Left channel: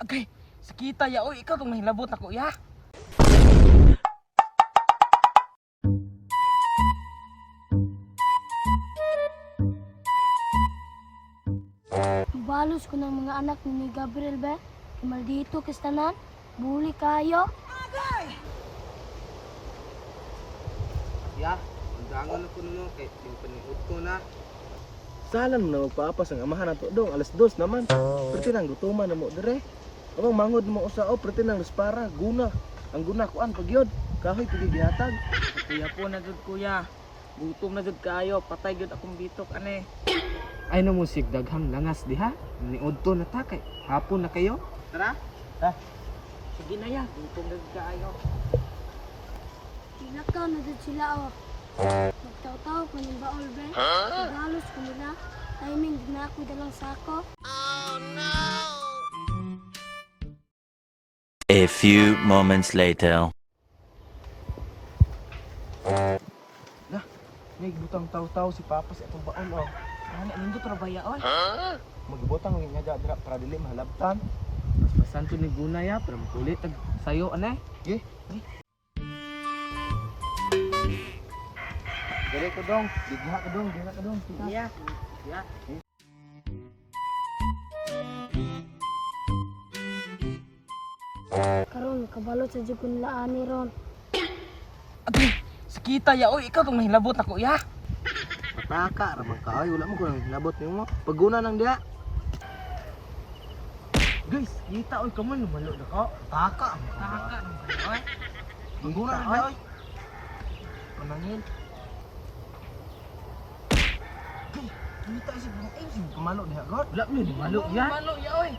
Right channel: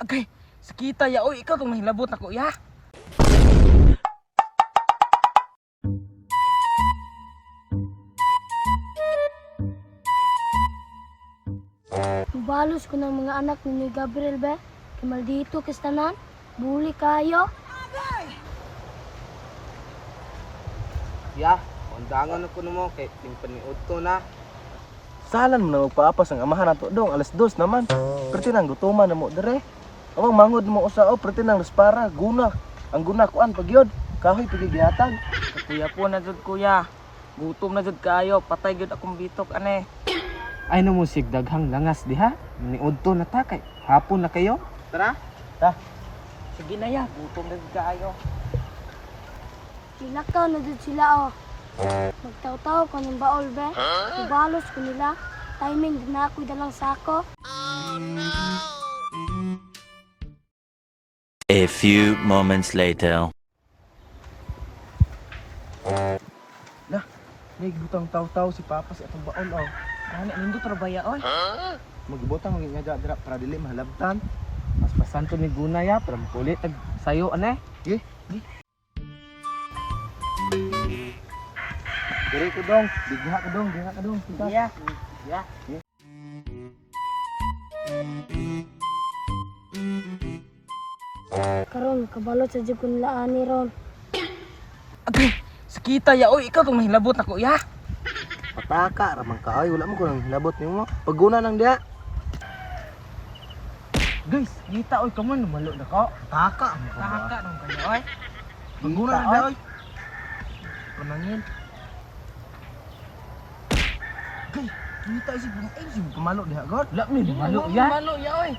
Agay, sakita ya. Oy, ikaw itong nahilabot ako ya. Balos ko ng mga anak ni Gabriel ba? Kimal dito kistanan, buli kayo. Ya, undangan ako mo kay timpaniod ko na. Salan mo na magpaapas ang amahan nato dong, alas 2 naman. Perti nang gutuman na mo dire. Amang mangod mo usao, perti nang para guna. Ang guna kuan pagyod, kahoy pagigihatag. Kuya po na jud kuya. Gutom na jud kayo. Patay jud akong bitok ane. Ay na mo sigdaghang langas diha. Maniud to na ta kay hapon na kayo. Tara. Sige na ya. Gutom na jud kayo. Ilakaw na dito sila oh. Magtaw-taw ko ng baol be. Balos ko nila. Timing din na ako dalang sako. A few moments later. Nig butang taw-taw si Papa sa atong baon oh. Ano nindo trabaya oy. Magibutang ang nga dra para dili mahalabtan. Mas pasanto ni Guna ya, pero kulit tag sayo ane. Gi. Dire ko dong, digha ka dong, digha ka dong. Kita. Ya. Ya. Karon kabalot sa jud nila ani ron. Agay, sakita ya. Oy, ikaw itong nahilabot ako ya. Pataka ramang ka ay wala mo ko nang hilabot nimo. Paguna nang diha. Guys, kita oy kaman lumalo na ko. Pataka mo ka. Taka nung kayo oy. Paguna nang diha oy. Panangin. Gay, kita si bang si pamalo diha god. Wala mi malo ya. Lumalo ya oy.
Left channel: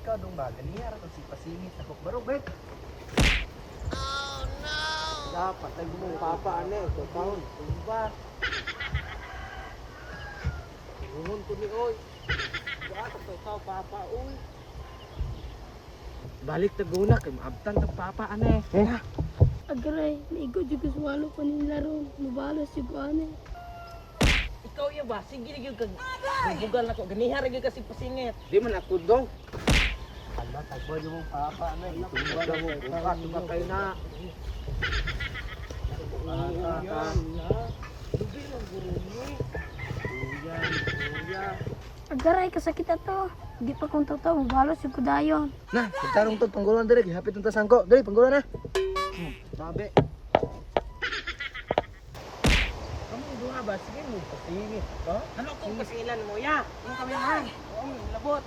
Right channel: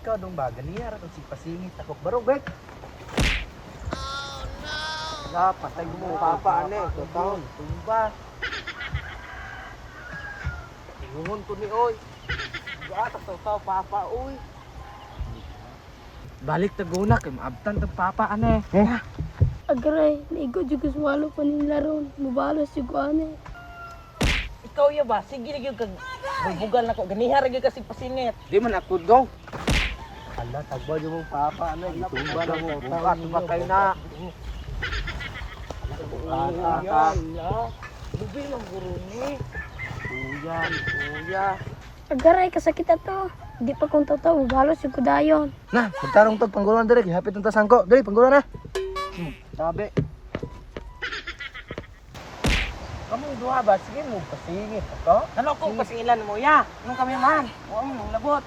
Ikaw dong ba ganiya ra si pasingit takok barog bek. Ya, patay mo papa ane, taon. Diba? Lungon ko ni oy. Gatak taw papa oy. Balik ta Guna kay maabtan ta papa ane. Agray, naigo jud ko swalo pa nila ron. Mubalos jud ko ani. Ikaw ya ba? Sige na gyud kag bubugal na ko. Ganiha ra gyud kasi pasingit. Di man ako dong. Hala tagba yung Papa ano gitumba na mo. Tukat ba kay na. Pataka. Lubi ng guro ni. Kuya. Agaray kasakit ato. Di pa kung taw mubalos jud ko dayon. Na, pagtarong tog panggulan dire gihapit ang tasangko. Dili panggulan na. Sabi. Kamu duha ba? Sige mo pasingit ako. Ano ko pasingilan mo ya? Nung kami man. Oo, labot.